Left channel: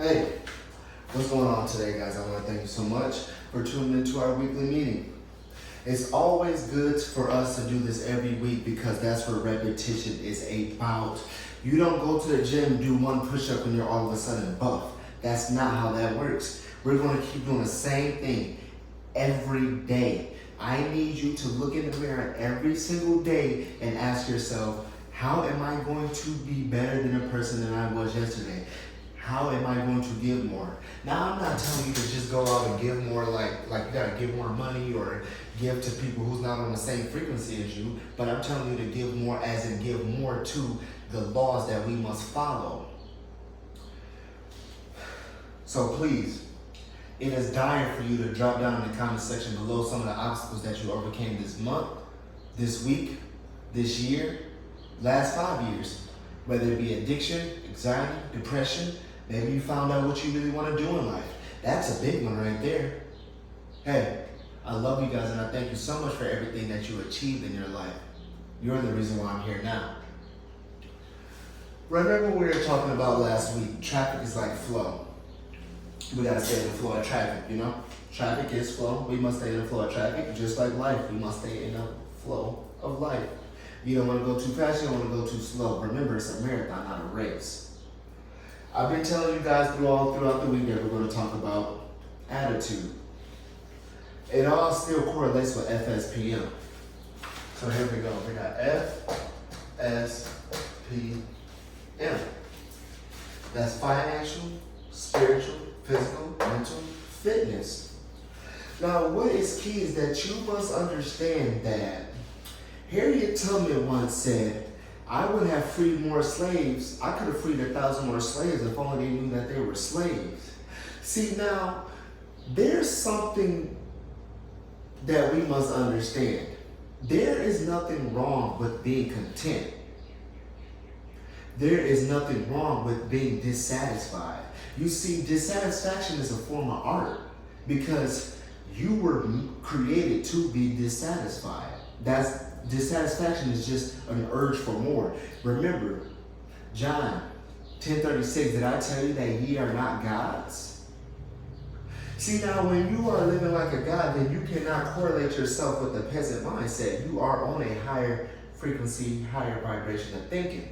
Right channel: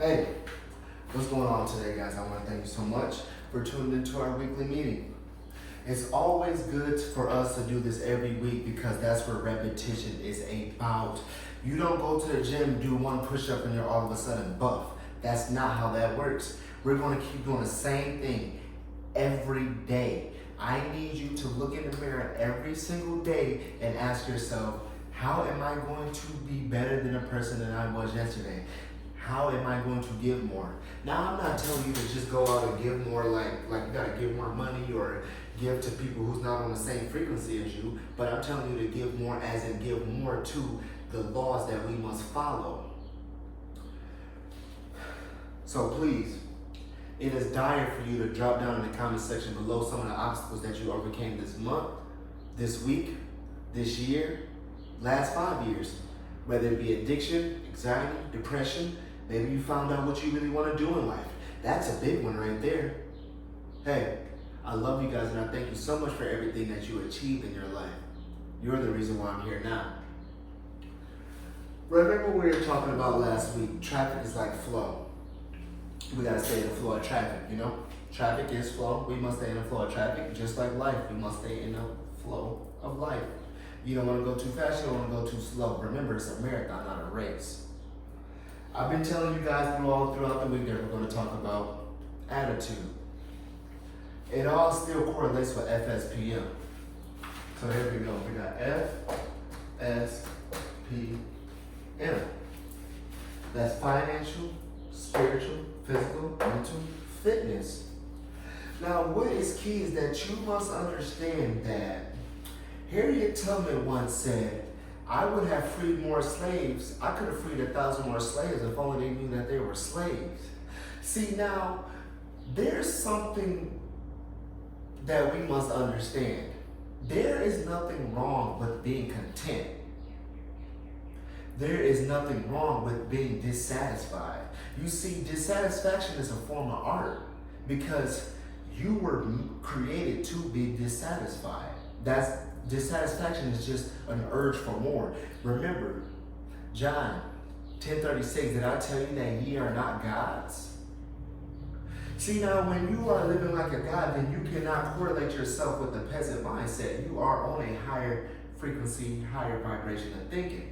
Hey, what's going on today, guys? I want to thank you so much for tuning into our weekly meeting. It's always good for us to do this every week because that's what repetition is about. You don't go to the gym, do one push-up, and you're all of a sudden buff. That's not how that works. We're going to keep doing the same thing every day. I need you to look in the mirror every single day and ask yourself, how am I going to be better than a person than I was yesterday? How am I going to give more? Now, I'm not telling you to just go out and give more like you gotta give more money or give to people who's not on the same frequency as you, but I'm telling you to give more as in give more to the laws that we must follow. So please, it is dire for you to drop down in the comment section below some of the obstacles that you overcame this month, this week, this year, last 5 years. Whether it be addiction, anxiety, depression, maybe you found out what you really want to do in life. That's a big one right there. Hey, I love you guys and I thank you so much for everything that you achieved in your life. You're the reason why I'm here now. Remember what we were talking about last week? Traffic is like flow. We gotta stay in the flow of traffic, you know? Traffic is flow. We must stay in the flow of traffic. Just like life, we must stay in the flow of life. You don't want to go too fast, you don't want to go too slow. Remember, it's a marathon, not a race. I've been telling you guys throughout the week that we're going to talk about attitude. It all still correlates with Fspm. So here we go. We got Fspm. That's financial, spiritual, physical, mental, fitness. Now, what is key is that you must understand that Harriet Tubman once said, I would have freed more slaves. I could have freed 1,000 more slaves if only they knew that they were slaves. See, now, there's something that we must understand. There is nothing wrong with being content. There is nothing wrong with being dissatisfied. You see, dissatisfaction is a form of art because you were created to be dissatisfied. Dissatisfaction is just an urge for more. Remember, John 10:36, did I tell you that ye are not gods? See, now when you are living like a god, then you cannot correlate yourself with the peasant mindset. You are on a higher frequency, higher vibration of thinking.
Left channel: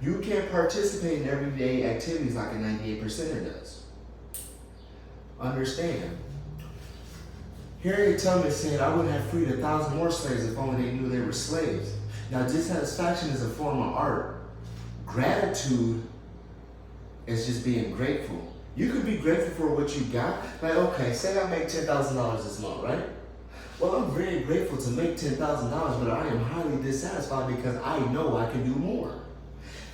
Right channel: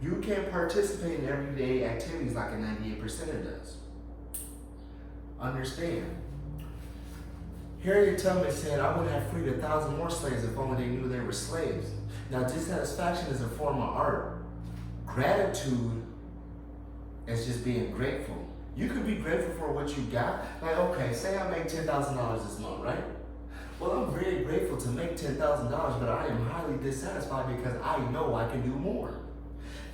You can participate in everyday activities like a 98%er does. Understand. Harriet Tubman said, I would have freed 1,000 more slaves if only they knew they were slaves. Now, dissatisfaction is a form of art. Gratitude is just being grateful. You could be grateful for what you got. Like, okay, say I make $10,000 this month, right? Well, I'm very grateful to make $10,000, but I am highly dissatisfied because I know I can do more.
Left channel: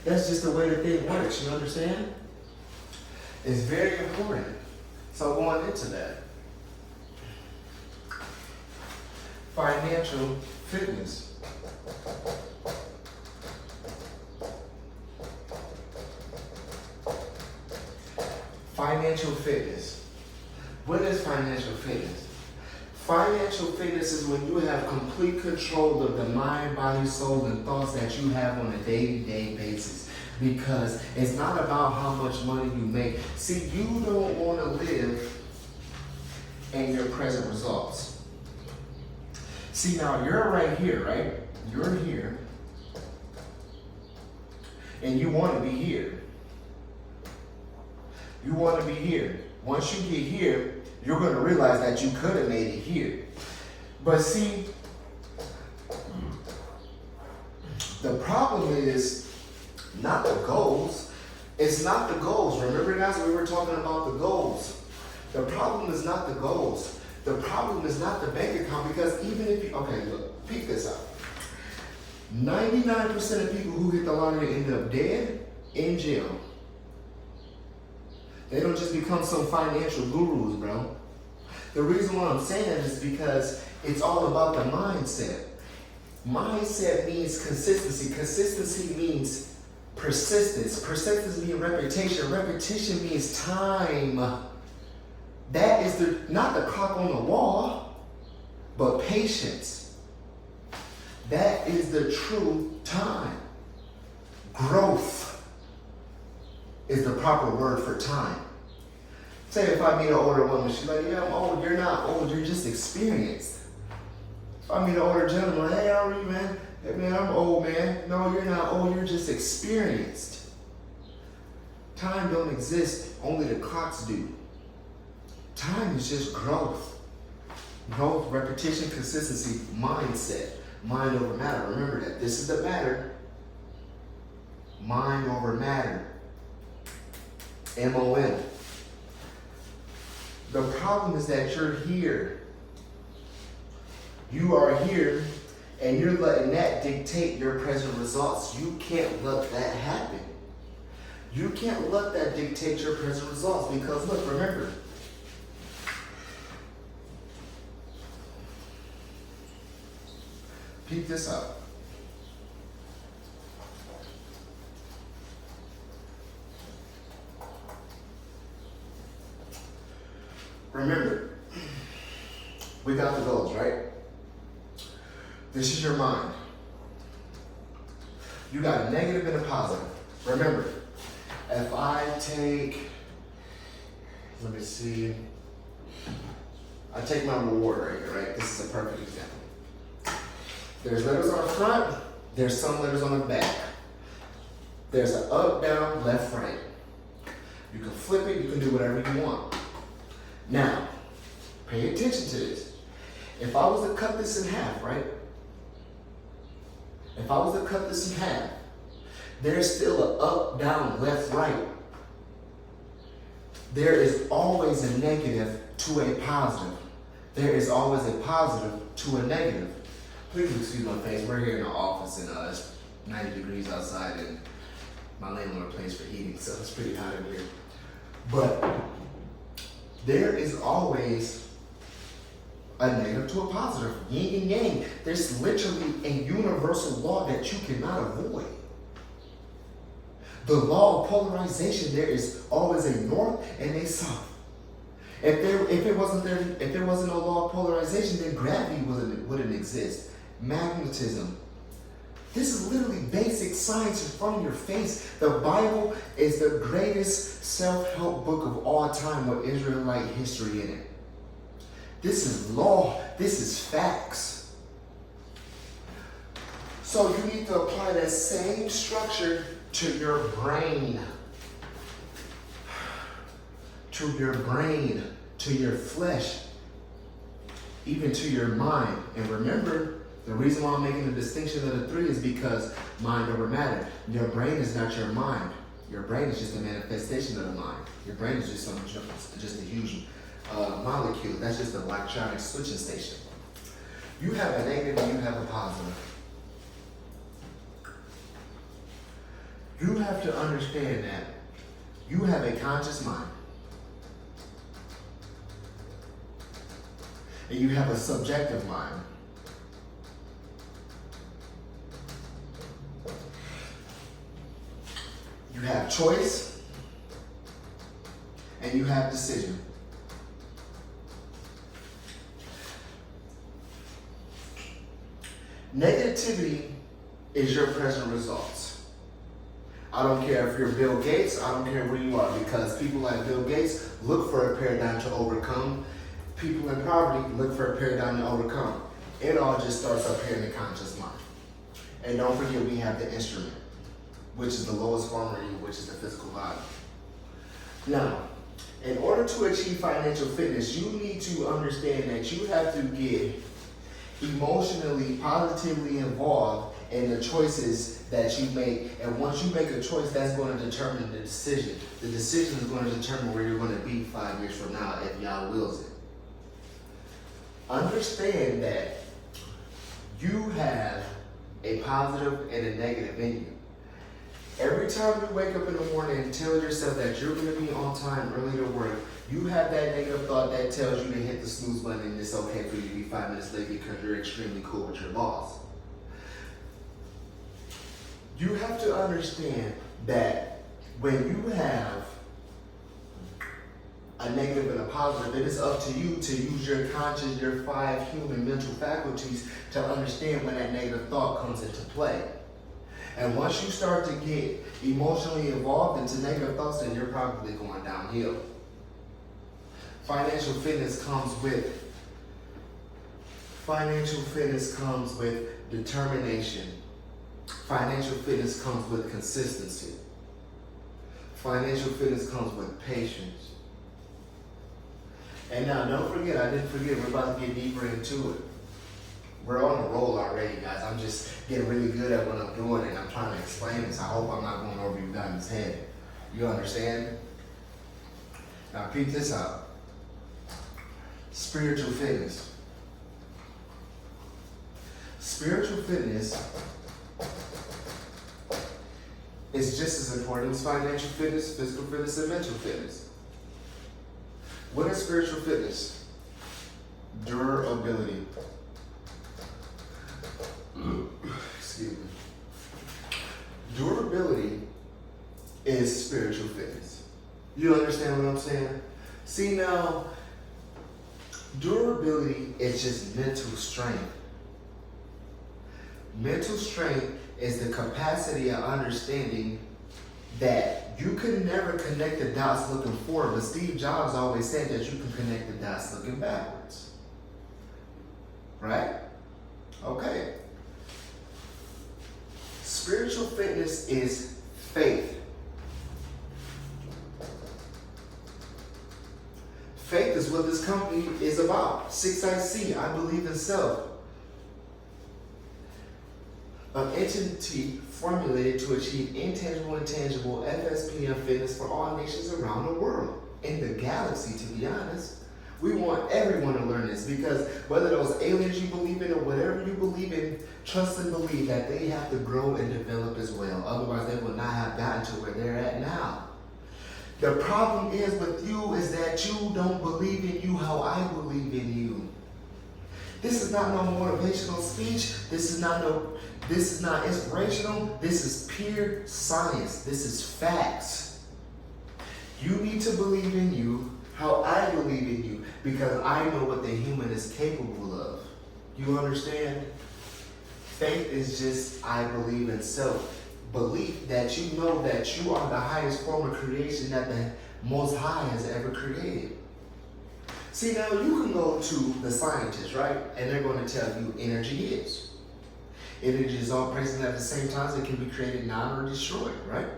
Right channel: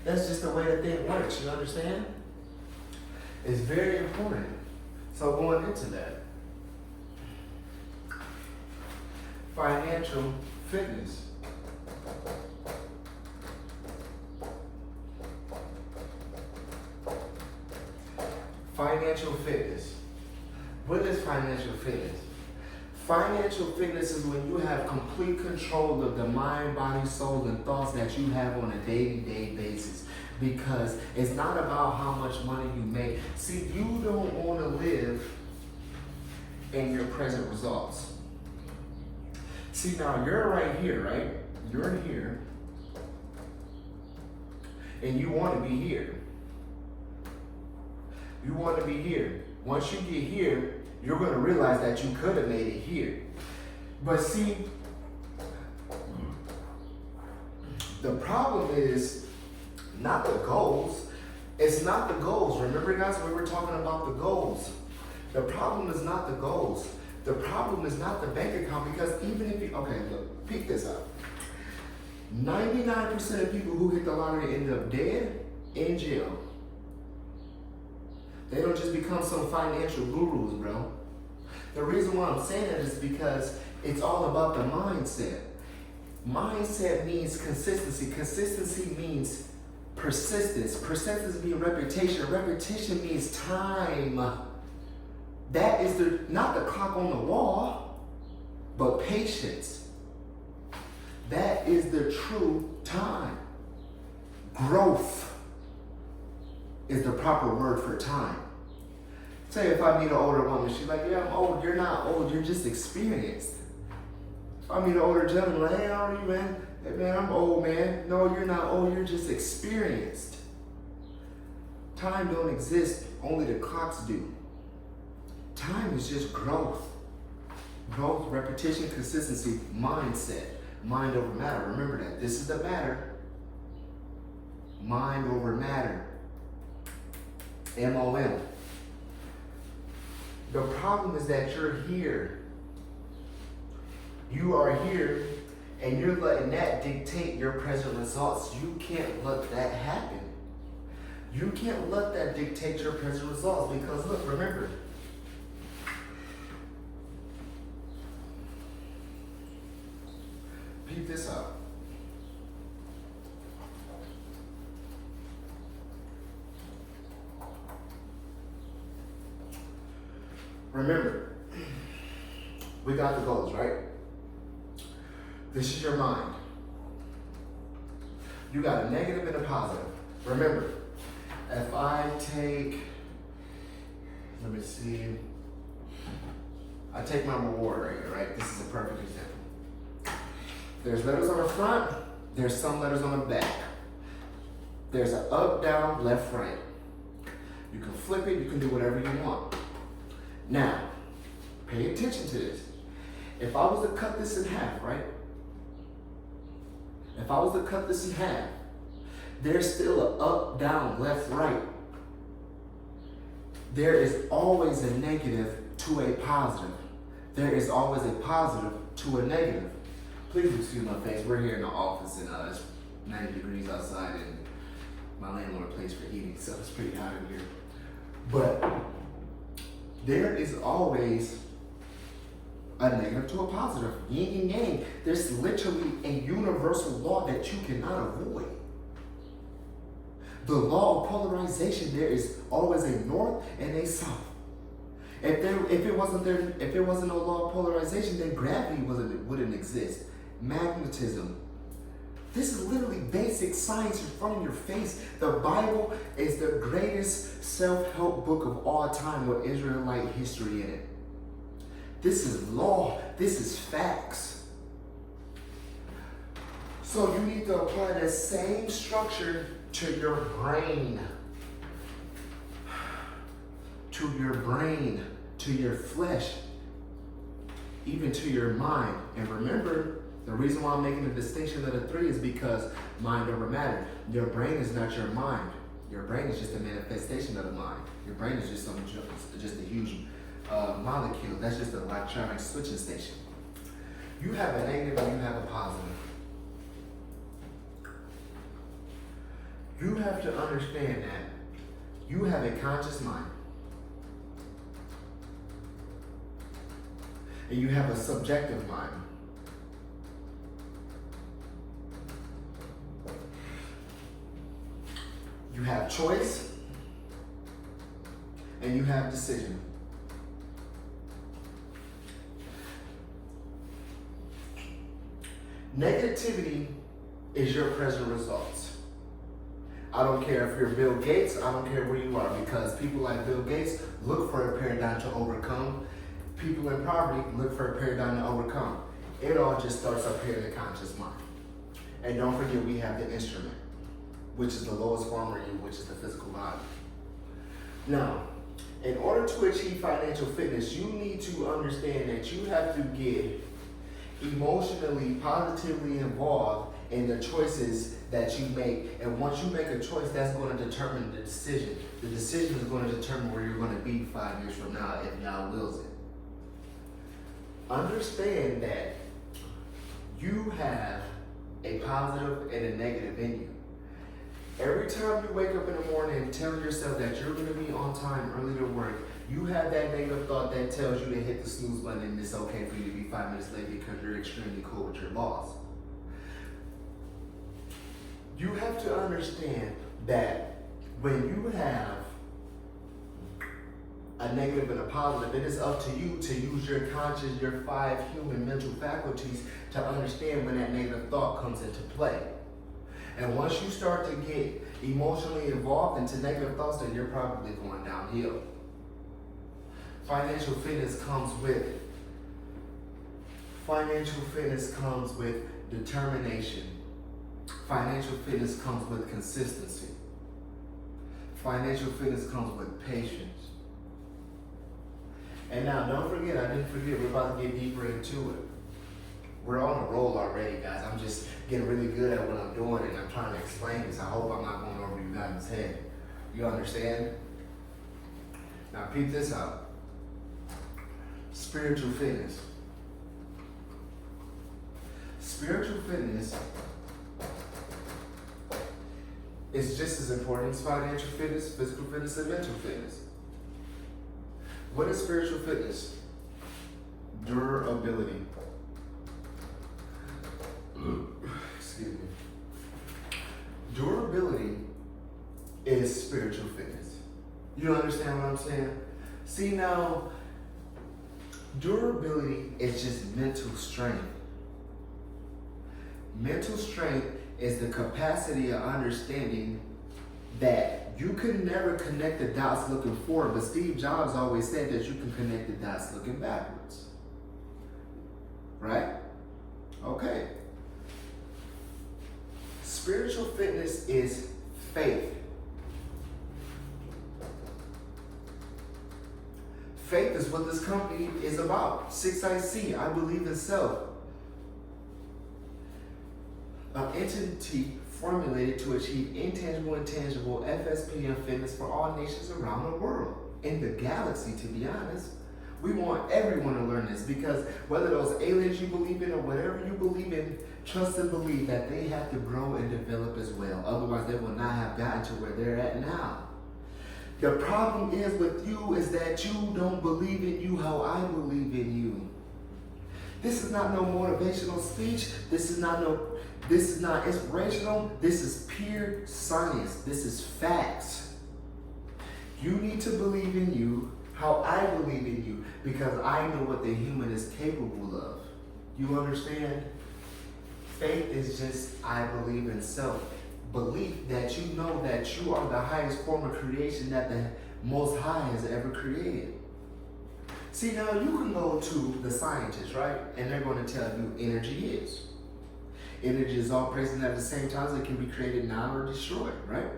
That's just the way the thing works, you understand? It's very important. So going into that, financial fitness. Financial fitness. What is financial fitness? Financial fitness is when you have complete control of the mind, body, soul, and thoughts that you have on a day-to-day basis. Because it's not about how much money you make. See, you don't want to live in your present results. See, now you're right here, right? You're here. And you want to be here. You want to be here. Once you get here, you're going to realize that you could have made it here. But see, the problem is not the goals. It's not the goals. Remember, guys, we were talking about the goals. The problem is not the goals. The problem is not the bank account because even if you, okay, look, peek this out. 99% of people who hit the lottery end up dead in jail. They don't just become some financial gurus, bro. The reason why I'm saying that is because it's all about the mindset. Mindset means consistency. Consistency means persistence. Persistence means reputation. Repetition means time. That is not the clock on the wall, but patience. That is the true time. Growth is the proper word for time. Say if I meet an older woman, she's like, yeah, I'm old. You're not old, you're just experienced. If I meet an older gentleman, like, hey, how are you, man? Hey, man, I'm old, man. No, you're not old, you're just experienced. Time don't exist, only the clocks do. Time is just growth. Growth, repetition, consistency, mindset. Mind over matter. Remember that. This is the matter. Mind over matter. M-O-M. The problem is that you're here. You are here, and you're letting that dictate your present results. You can't let that happen. You can't let that dictate your present results because, look, remember, peep this out. Remember, we got the goals, right? This is your mind. You got a negative and a positive. Remember, if I take, let me see, I take my reward right here, right? This is a perfect example. There's letters on the front, there's some letters on the back. There's an up, down, left, right. You can flip it, you can do whatever you want. Now, pay attention to this. If I was to cut this in half, right? If I was to cut this in half, there's still an up, down, left, right. There is always a negative to a positive. There is always a positive to a negative. Please excuse my face. We're here in the office and it's 90 degrees outside and my landlord pays for heating, so it's pretty hot in here. But there is always a negative to a positive, yin and yang. There's literally a universal law that you cannot avoid. The law of polarization, there is always a north and a south. If it wasn't no law of polarization, then gravity wouldn't exist. Magnetism. This is literally basic science in front of your face. The Bible is the greatest self-help book of all time with Israelite history in it. This is law. This is facts. So you need to apply that same structure to your brain. To your brain, to your flesh, even to your mind. And remember, the reason why I'm making the distinction of the three is because mind over matter. Your brain is not your mind. Your brain is just a manifestation of the mind. Your brain is just a huge molecule. That's just an electronic switching station. You have a negative and you have a positive. You have to understand that you have a conscious mind. And you have a subjective mind. You have choice and you have decision. Negativity is your present results. I don't care if you're Bill Gates, I don't care where you are, because people like Bill Gates look for a paradigm to overcome. People in poverty look for a paradigm to overcome. It all just starts up here in the conscious mind. And don't forget, we have the instrument, which is the lowest form of you, which is the physical body. Now, in order to achieve financial fitness, you need to understand that you have to get emotionally, positively involved in the choices that you make. And once you make a choice, that's going to determine the decision. The decision is going to determine where you're going to be 5 years from now if y'all wills it. Understand that you have a positive and a negative in you. Every time you wake up in the morning and tell yourself that you're going to be on time early to work, you have that negative thought that tells you to hit the snooze button and it's okay for you to be 5 minutes late because you're extremely cool with your boss. You have to understand that when you have a negative and a positive, it is up to you to use your conscious, your 5 human mental faculties to understand when that negative thought comes into play. And once you start to get emotionally involved into negative thoughts, then you're probably going downhill. Financial fitness comes with determination. Financial fitness comes with consistency. Financial fitness comes with patience. And now, don't forget, I didn't forget, we're about to get deeper into it. We're on a roll already, guys. I'm just getting really good at what I'm doing, and I'm trying to explain this. I hope I'm not going over you guys' head. You understand? Now, peep this out. Spiritual fitness. Spiritual fitness is just as important as financial fitness, physical fitness, and mental fitness. What is spiritual fitness? Durability. Excuse me. Durability is spiritual fitness. You understand what I'm saying? See now, durability is just mental strength. Mental strength is the capacity of understanding that you could never connect the dots looking forward, but Steve Jobs always said that you can connect the dots looking backwards. Right? Okay. Spiritual fitness is faith. Faith is what this company is about. 6IC, I believe in self. An entity formulated to achieve intangible and tangible Fspm fitness for all nations around the world. In the galaxy, to be honest. We want everyone to learn this because whether those aliens you believe in or whatever you believe in, trust and believe that they have to grow and develop as well. Otherwise, they will not have gotten to where they're at now. The problem is with you is that you don't believe in you how I believe in you. This is not no motivational speech. This is not inspirational. This is pure science. This is facts. You need to believe in you how I believe in you because I know what the human is capable of. You understand? Faith is just I believe in self. Belief that you know that you are the highest form of creation that the Most High has ever created. See, now you can go to the scientists, right? And they're going to tell you energy is. Energy is all present at the same time as it can be created now or destroyed, right?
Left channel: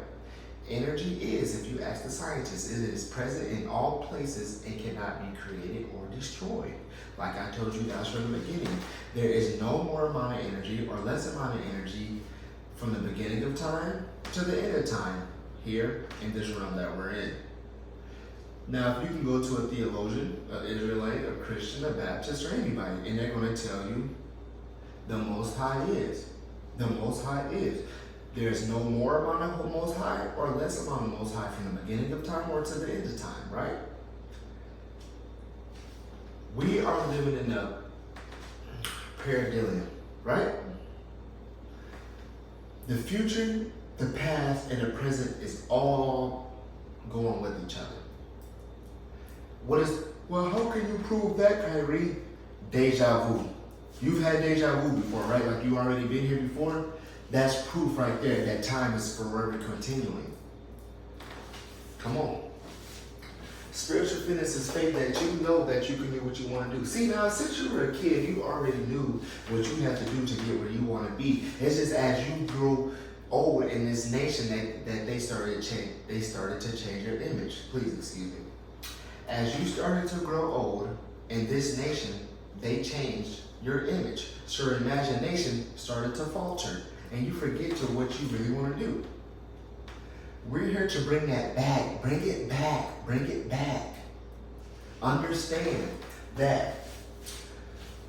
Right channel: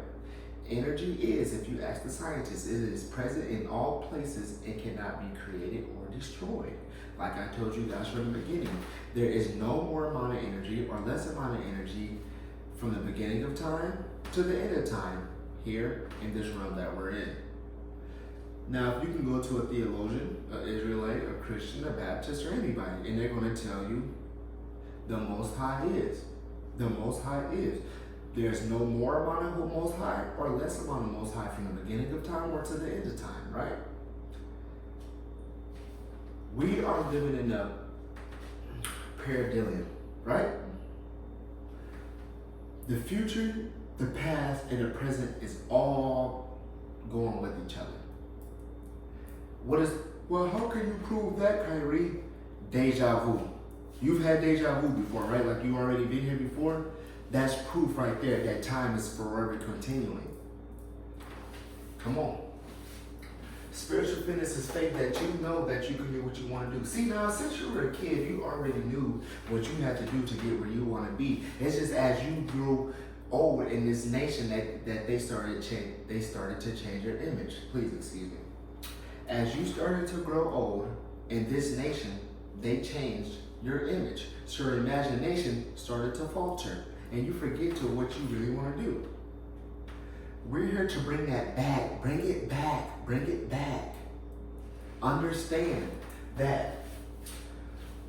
Energy is, if you ask the scientists, it is present in all places and cannot be created or destroyed. Like I told you guys from the beginning, there is no more amount of energy or less amount of energy from the beginning of time to the end of time here in this realm that we're in. Now, if you can go to a theologian, an Israelite, a Christian, a Baptist, or anybody, and they're going to tell you the Most High is. The Most High is. There's no more amount of Most High or less amount of Most High from the beginning of time or to the end of time, right? We are living in a paradigm, right? The future, the past, and the present is all going with each other. Well, how can you prove that, Kyrie? Deja vu. You've had deja vu before, right? Like you already been here before. That's proof right there that time is forever continuing. Come on. Spiritual fitness is faith that you know that you can do what you want to do. See, now, since you were a kid, you already knew what you had to do to get where you want to be. It's just as you grew old in this nation that they started to change their image. Please excuse me. As you started to grow old in this nation, they changed your image. So your imagination started to falter, and you forget to what you really want to do. We're here to bring that back. Bring it back. Bring it back. Understand that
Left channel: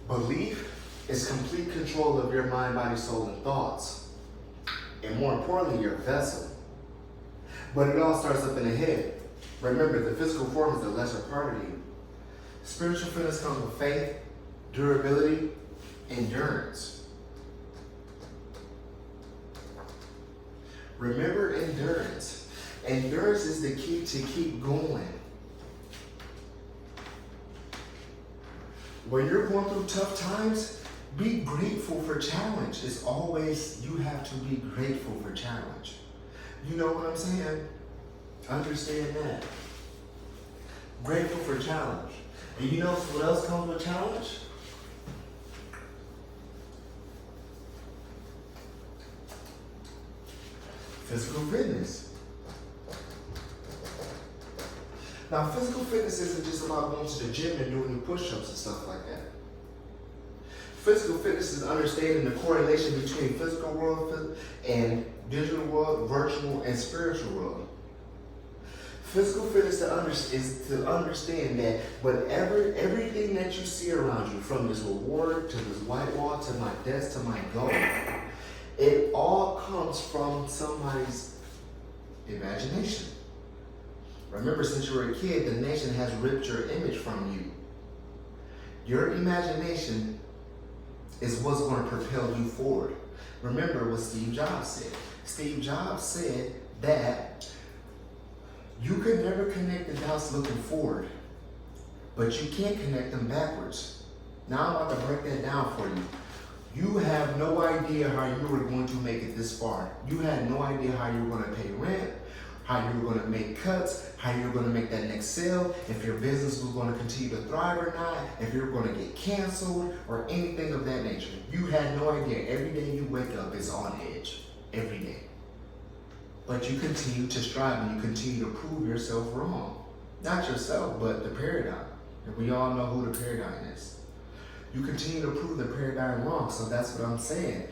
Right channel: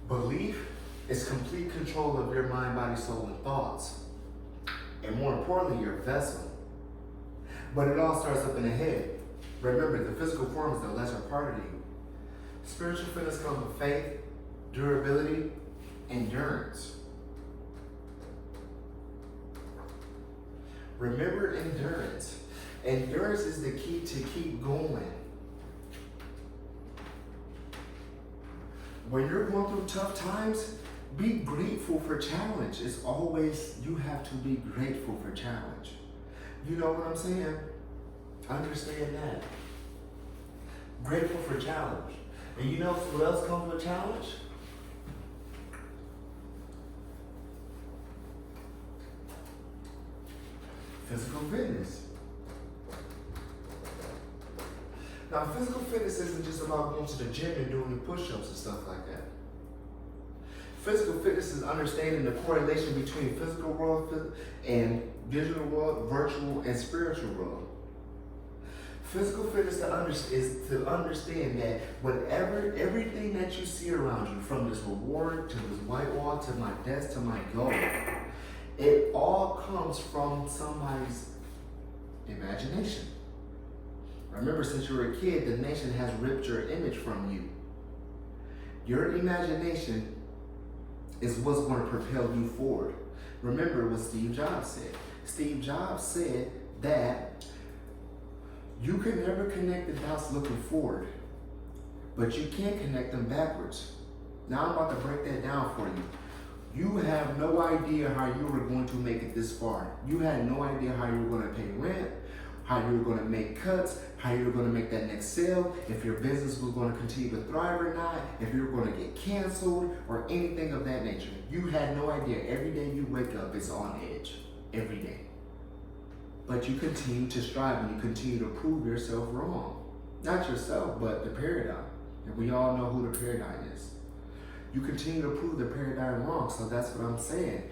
belief is complete control of your mind, body, soul, and thoughts. And more importantly, your vessel. But it all starts up in the head. Remember, the physical form is the lesser part of you. Spiritual fitness comes with faith, durability, endurance. Remember endurance. Endurance is the key to keep going. When you're going through tough times, be grateful for challenge. It's always, you have to be grateful for challenge. You know what I'm saying? Understand that. Grateful for challenge. And you know what else comes with challenge? Physical fitness. Now, physical fitness isn't just about going to the gym and doing push-ups and stuff like that. Physical fitness is understanding the correlation between physical world and digital world, virtual and spiritual world. Physical fitness is to understand that everything that you see around you, from this reward to this white wall to my desk to my goal, it all comes from somebody's imagination. Remember, since you were a kid, the nation has ripped your image from you. Your imagination is what's going to propel you forward. Remember what Steve Jobs said. Steve Jobs said that you can never connect the dots looking forward, but you can connect them backwards. Now I'm about to break that down for you. You have no idea how you were going to make it this far. You had no idea how you were going to pay rent, how you were going to make cuts, how you were going to make that next sale, if your business was going to continue to thrive or not, if you were going to get canceled or anything of that nature. You had no idea. Every day you wake up is on edge. Every day. But you continue to strive and you continue to prove yourself wrong. Not yourself, but the paradigm. And we all know who the paradigm is. You continue to prove the paradigm wrong, so that's what I'm saying.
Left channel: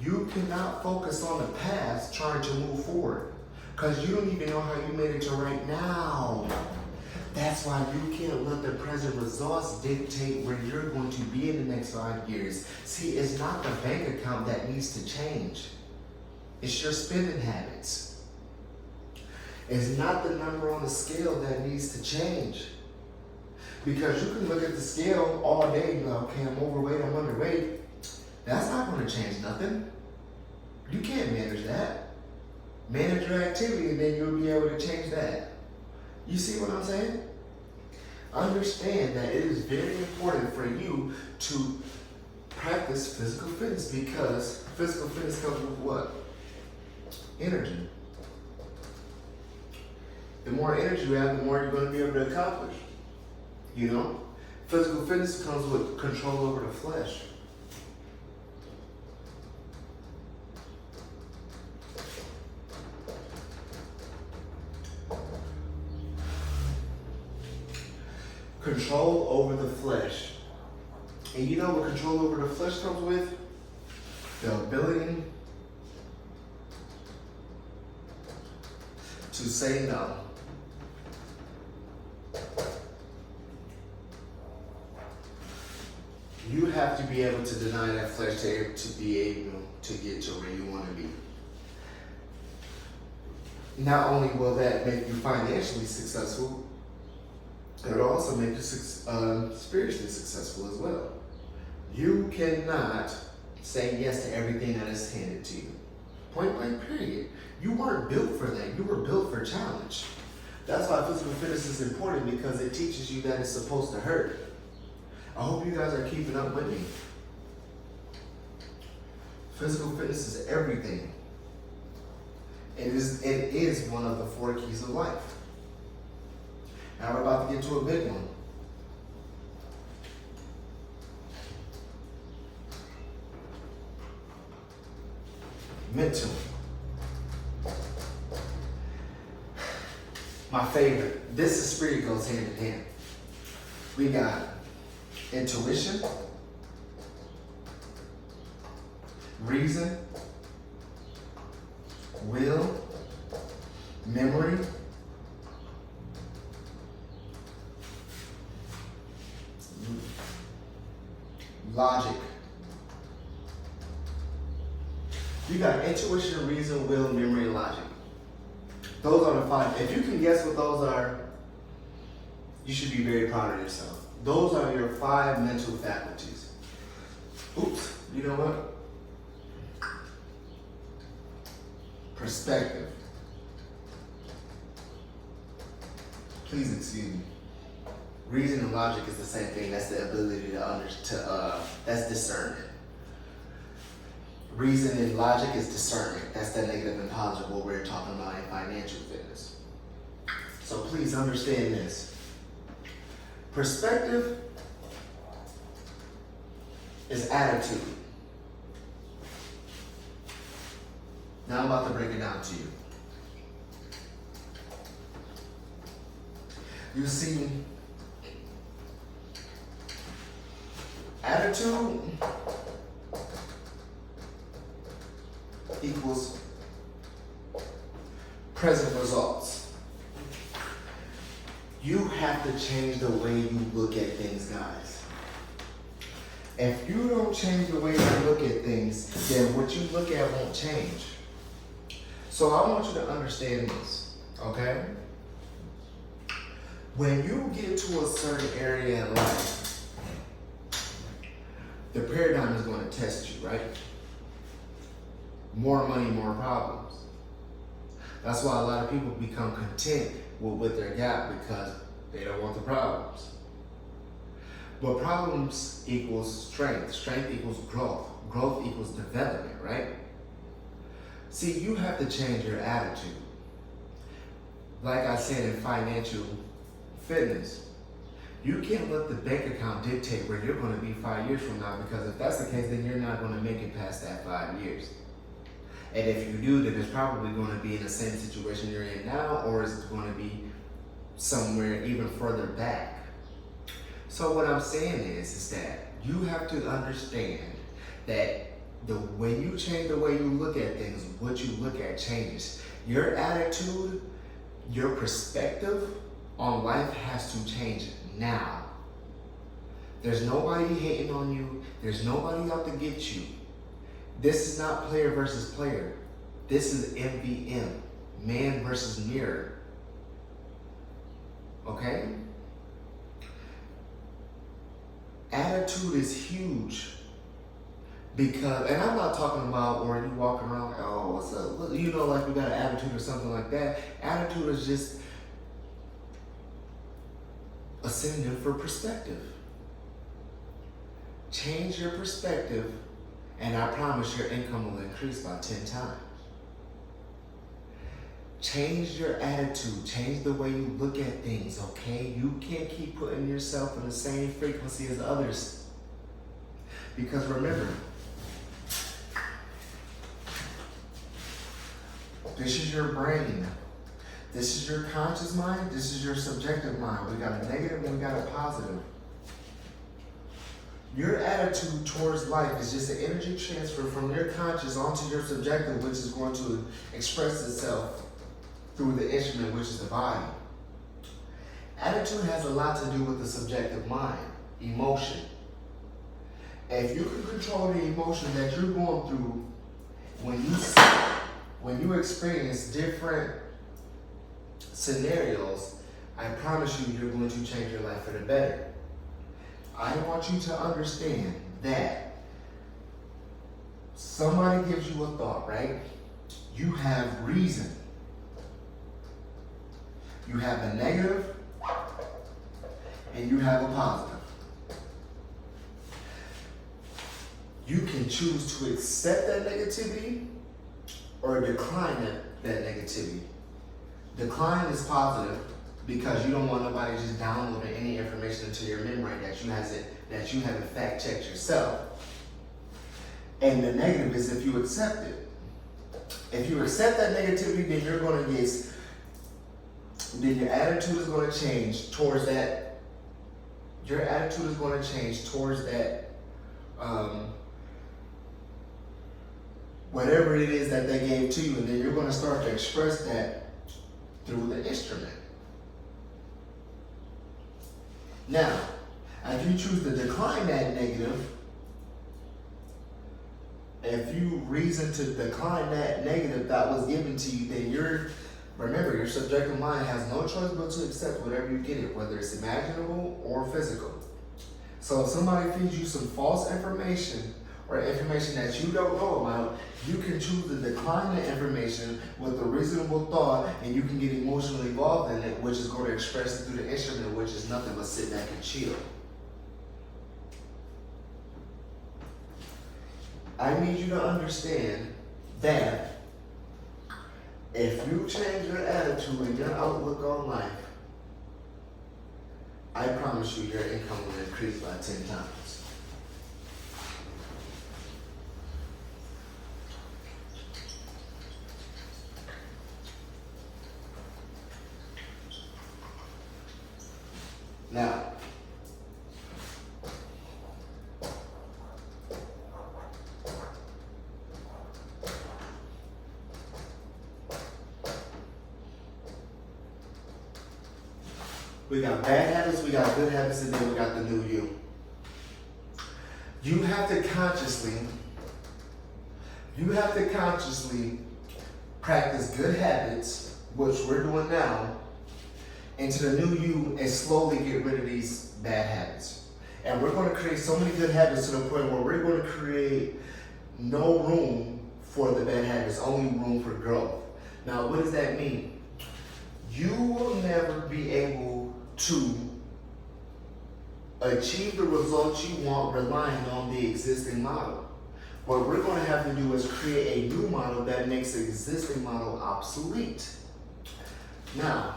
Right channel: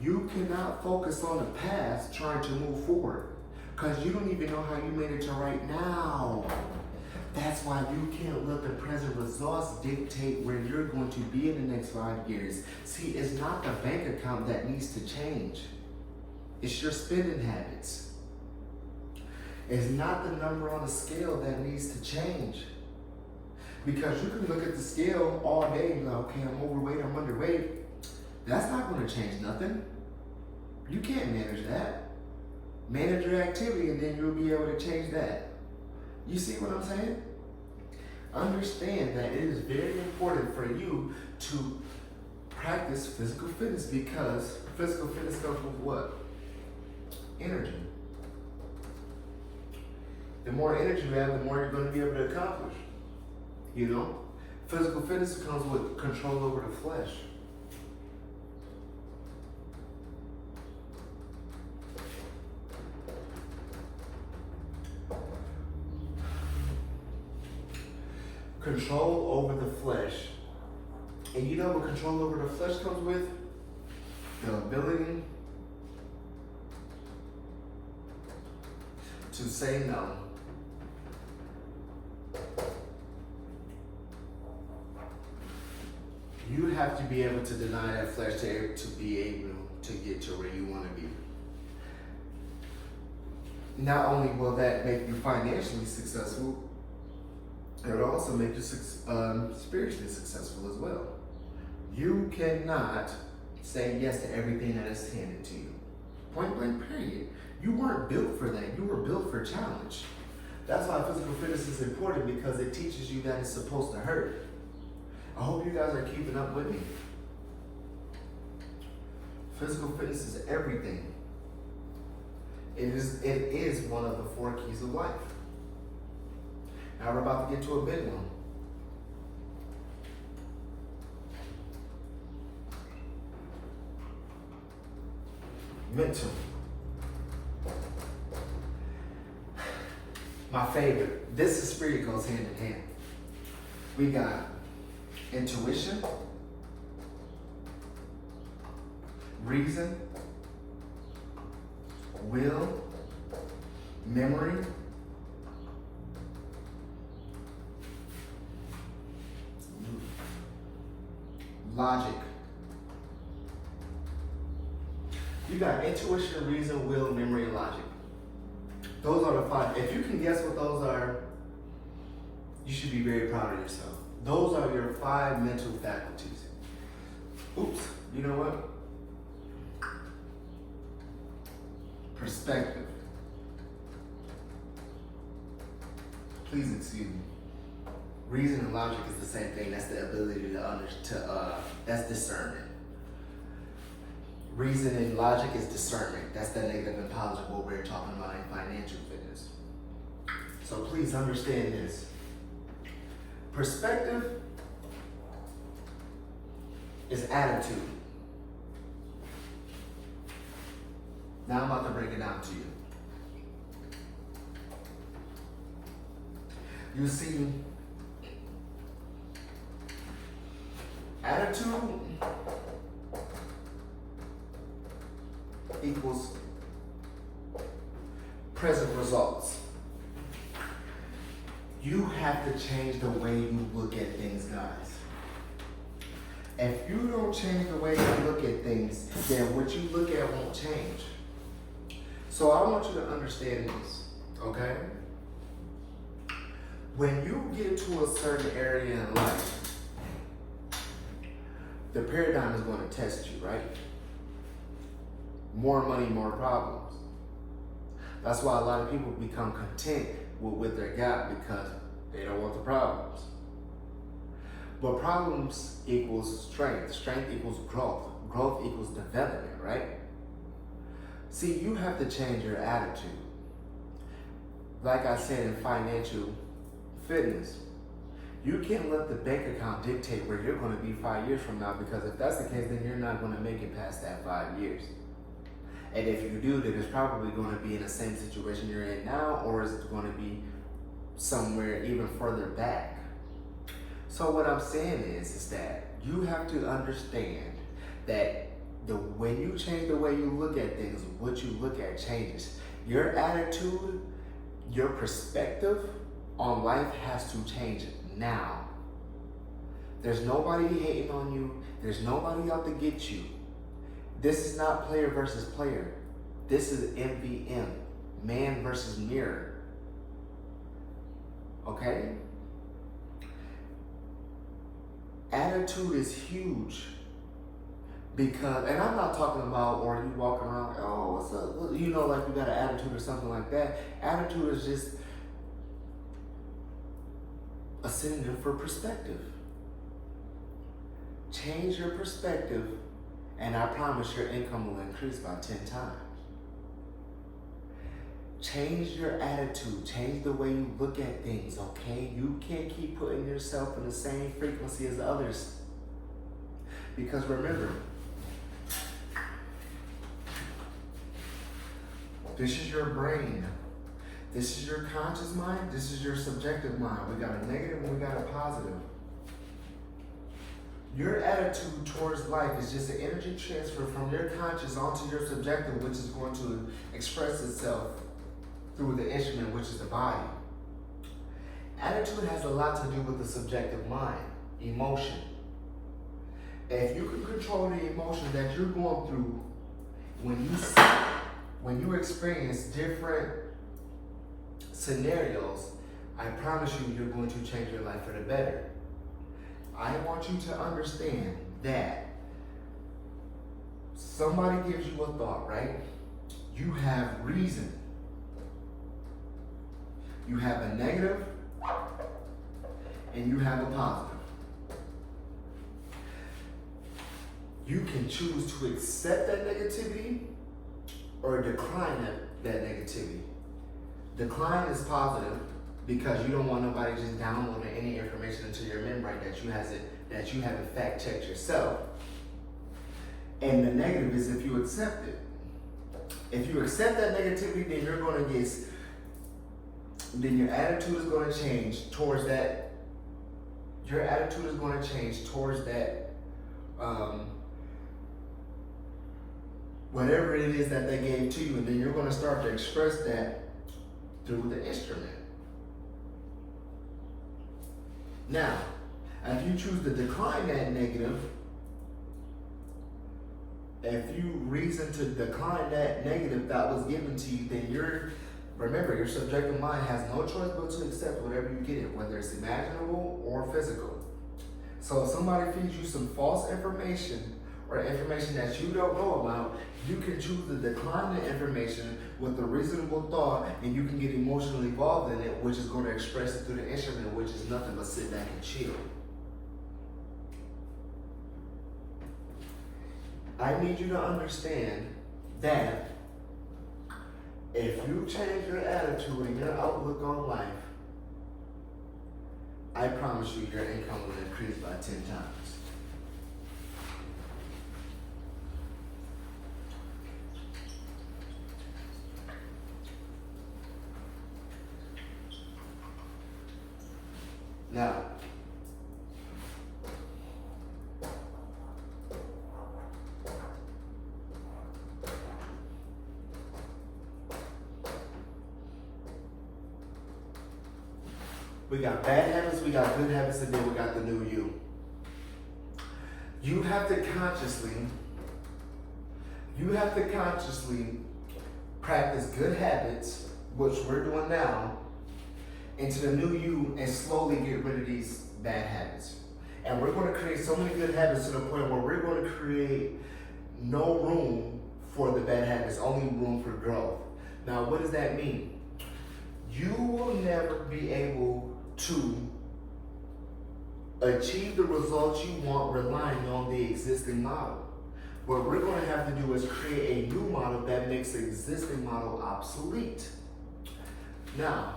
You cannot focus on the past trying to move forward, because you don't even know how you made it to right now. That's why you can't let the present results dictate where you're going to be in the next 5 years. See, it's not the bank account that needs to change. It's your spending habits. It's not the number on the scale that needs to change. Because you can look at the scale all day and be like, okay, I'm overweight, I'm underweight. That's not going to change nothing. You can't manage that. Manage your activity and then you'll be able to change that. You see what I'm saying? Understand that it is very important for you to practice physical fitness, because physical fitness comes with what? Energy. The more energy you have, the more you're going to be able to accomplish. You know? Physical fitness comes with control over the flesh. Control over the flesh. And you know what control over the flesh comes with? The ability to say no. You have to be able to deny that flesh to be able to get to where you want to be. Not only will that make you financially successful, it will also make you spiritually successful as well. You cannot say yes to everything that is handed to you. Point blank, period. You weren't built for that. You were built for challenge. That's why physical fitness is important, because it teaches you that it's supposed to hurt. I hope you guys are keeping up with me. Physical fitness is everything. It is one of the 4 keys of life. Now we're about to get to a big one. Mental. My favorite. This is spirit goes hand in hand. We got intuition, reason, will, memory, logic. You got intuition, reason, will, memory, and logic. Those are the 5. If you can guess what those are, you should be very proud of yourself. Those are your 5 mental faculties. Oops, you know what? Perspective. Please excuse me. Reason and logic is the same thing. That's the ability to that's discernment. Reason and logic is discernment. That's the negative and positive what we're talking about in financial fitness. So please understand this. Perspective is attitude. Now I'm about to break it down to you. You see, attitude equals present results. You have to change the way you look at things, guys. If you don't change the way you look at things, then what you look at won't change. So I want you to understand this, okay? When you get to a certain area in life, the paradigm is going to test you, right? More money, more problems. That's why a lot of people become content with their gap, because they don't want the problems. But problems equals strength. Strength equals growth. Growth equals development, right? See, you have to change your attitude. Like I said in financial fitness, you can't let the bank account dictate where you're going to be 5 years from now, because if that's the case, then you're not going to make it past that 5 years. And if you do, then it's probably going to be in the same situation you're in now, or it's going to be somewhere even further back. So what I'm saying is that you have to understand that when you change the way you look at things, what you look at changes. Your attitude, your perspective on life has to change now. There's nobody hating on you. There's nobody out to get you. This is not player versus player. This is MVM, man versus mirror. Okay? Attitude is huge. Because, and I'm not talking about where you walk around, oh, what's up? You know, like you got an attitude or something like that. Attitude is just a synonym for perspective. Change your perspective, and I promise your income will increase by 10 times. Change your attitude. Change the way you look at things, okay? You can't keep putting yourself in the same frequency as others. Because remember, this is your brain. This is your conscious mind. This is your subjective mind. We got a negative and we got a positive. Your attitude towards life is just an energy transfer from your conscious onto your subjective, which is going to express itself through the instrument, which is the body. Attitude has a lot to do with the subjective mind, emotion. If you can control the emotion that you're going through when you experience different scenarios, I promise you, you're going to change your life for the better. I want you to understand that somebody gives you a thought, right? You have reason. You have a negative and you have a positive. You can choose to accept that negativity or decline that negativity. Decline is positive because you don't want nobody just downloading any information into your memory that you haven't fact checked yourself. And the negative is if you accept it. If you accept that negativity, then you're going to then your attitude is going to change towards that. Your attitude is going to change towards that. Whatever it is that they gave to you, and then you're going to start to express that through the instrument. Now, if you choose to decline that negative, if you reason to decline that negative that was given to you, then remember, your subjective mind has no choice but to accept whatever you get it, whether it's imaginable or physical. So if somebody feeds you some false information or information that you don't know about, you can choose to decline the information with a reasonable thought, and you can get emotionally involved in it, which is going to express it through the instrument, which is nothing but sit back and chill. I need you to understand that if you change your attitude and your outlook on life, I promise you your income will increase by 10 times. Now, we got bad habits, we got good habits, and then we got the new you. You have to consciously practice good habits, which we're doing now, into the new you and slowly get rid of these bad habits. And we're going to create so many good habits to the point where we're going to create no room for the bad habits, only room for growth. Now, what does that mean? You will never be able to achieve the results you want relying on the existing model. What we're going to have to do is create a new model that makes the existing model obsolete. Now,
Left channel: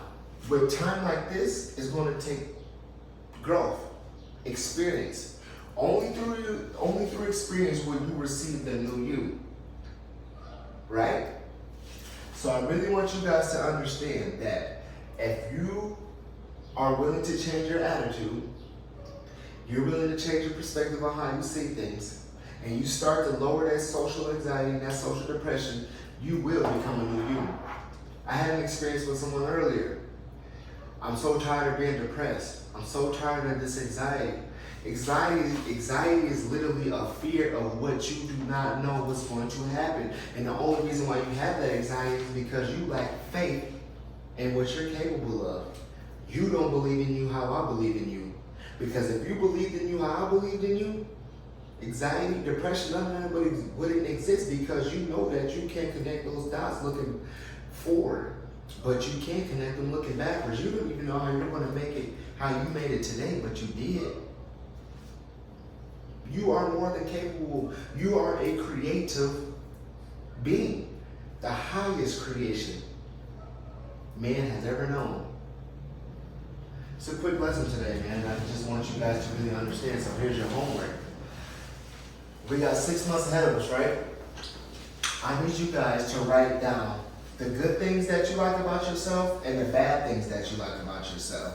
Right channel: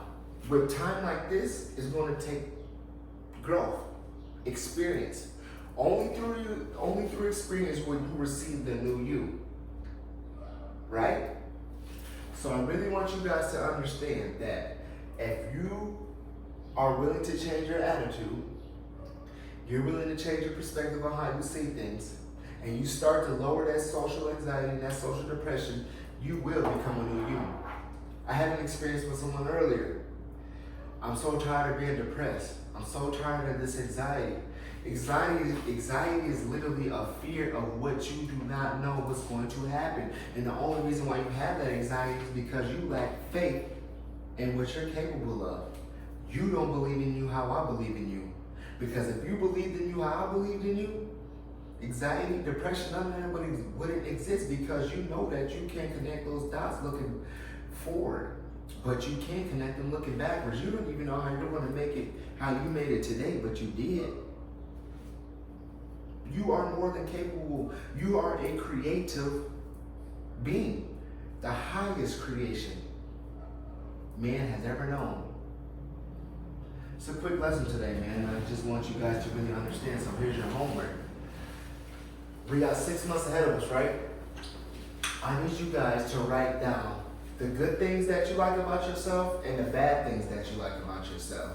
with time like this, it's going to take growth, experience. Only through experience will you receive the new you, right? So I really want you guys to understand that if you are willing to change your attitude, you're willing to change your perspective on how you see things, and you start to lower that social anxiety and that social depression, you will become a new you. I had an experience with someone earlier. I'm so tired of being depressed. I'm so tired of this anxiety. Anxiety is literally a fear of what you do not know what's going to happen. And the only reason why you have that anxiety is because you lack faith in what you're capable of. You don't believe in you how I believe in you. Because if you believed in you how I believed in you, anxiety, depression, none of it wouldn't exist, because you know that you can't connect those dots looking forward. But you can't connect them looking backwards. You don't even know how you're going to make it, how you made it today, but you did. You are more than capable. You are a creative being. The highest creation man has ever known. It's a quick lesson today, man. I just want you guys to really understand. So here's your homework. We got 6 months ahead of us, right? I need you guys to write down the good things that you like about yourself and the bad things that you like about yourself.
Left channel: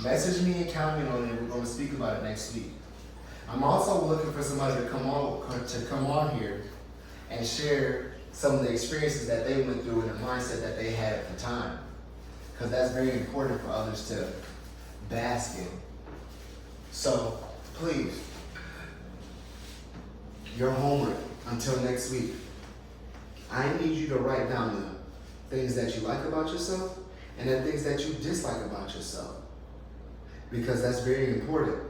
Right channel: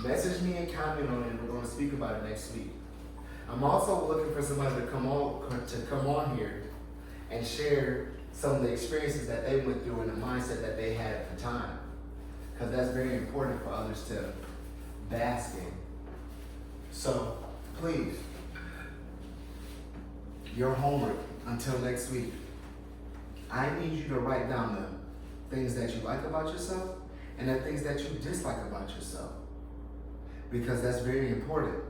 Message me and comment on it. We're going to speak about it next week. I'm also looking for somebody to come on here and share some of the experiences that they went through and the mindset that they had at the time, because that's very important for others to bask in. So please, your homework until next week, I need you to write down the things that you like about yourself and the things that you dislike about yourself, because that's very important.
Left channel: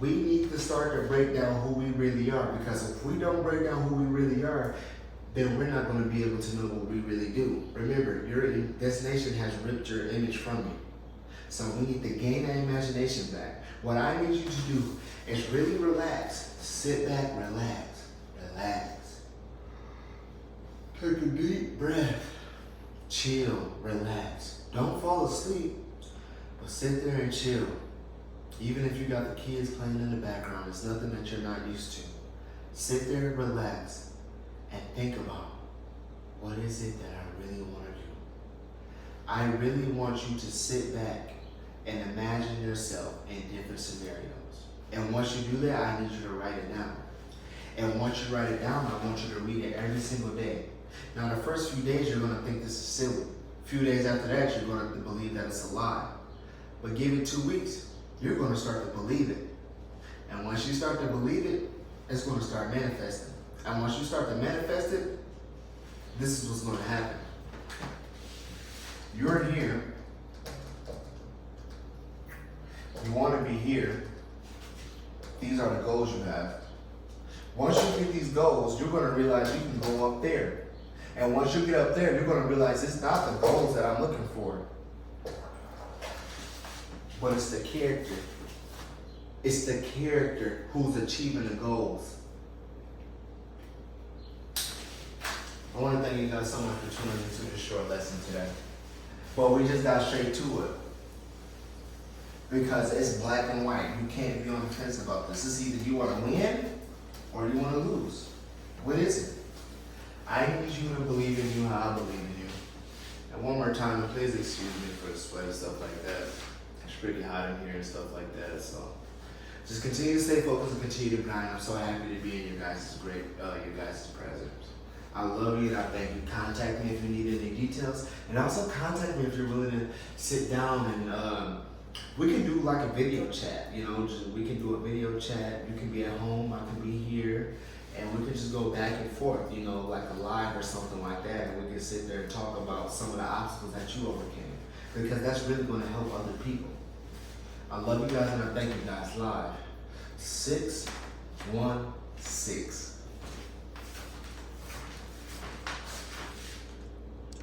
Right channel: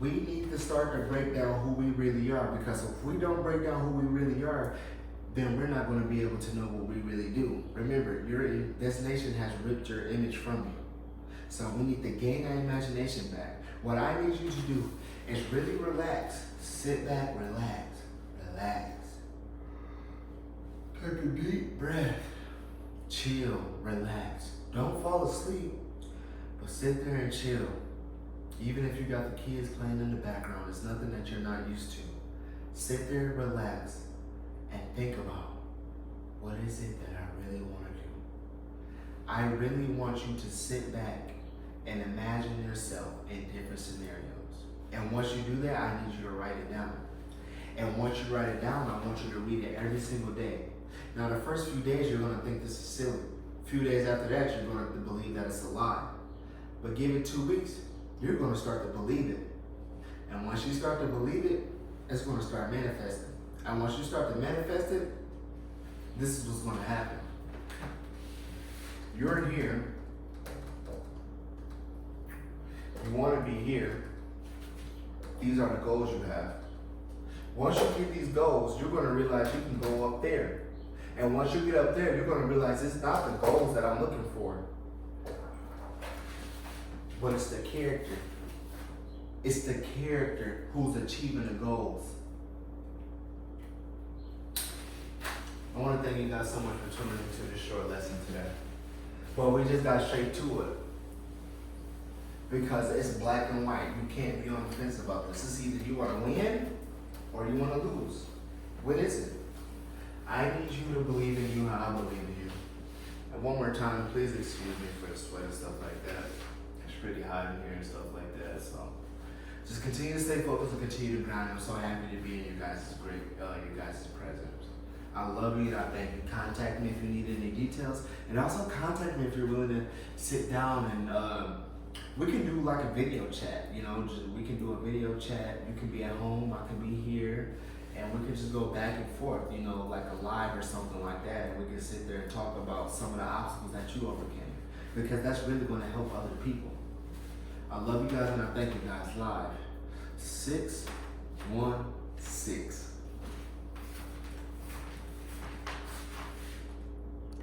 We need to start to break down who we really are, because if we don't break down who we really are, then we're not going to be able to know what we really do. Remember, this nation has ripped your image from you. So we need to gain that imagination back. What I need you to do is really relax. Sit back, relax. Take a deep breath. Chill, relax. Don't fall asleep, but sit there and chill. Even if you got the kids playing in the background, it's nothing that you're not used to. Sit there, relax, and think about, what is it that I really want to do? I really want you to sit back and imagine yourself in different scenarios. And once you do that, I need you to write it down. And once you write it down, I want you to read it every single day. Now, the first few days, you're going to think this is silly. A few days after that, you're going to believe that it's a lie. But give it 2 weeks. You're going to start to believe it. And once you start to believe it, it's going to start manifesting. And once you start to manifest it, this is what's going to happen. You're here. You want to be here. These are the goals you have. Once you get these goals, you're going to realize you can go up there. And once you get up there, you're going to realize it's not the goals that I'm looking for, but it's the character. It's the character who's achieving the goals. I want to thank you guys so much for tuning into this short lesson today. But we just got straight to it. Because it's black and white. You can't be on the fence about this. It's either you want to win or you want to lose. What is it? I need you to believe in you how I believe in you. And one more time, please excuse me for the sweat and stuff like that. It's pretty hot in here and stuff like that. So just continue to stay focused and continue to grind. I'm so happy to be in your guys' presence. I love you and I thank you. Contact me if you need any details. And also contact me if you're willing to sit down and we can do like a video chat. You know, we can do a video chat. You can be at home, I can be here. And we can just go back and forth, you know, like a live or something like that. And we can sit there and talk about some of the obstacles that you overcame. Because that's really going to help other people. I love you guys and I thank you guys live. 616.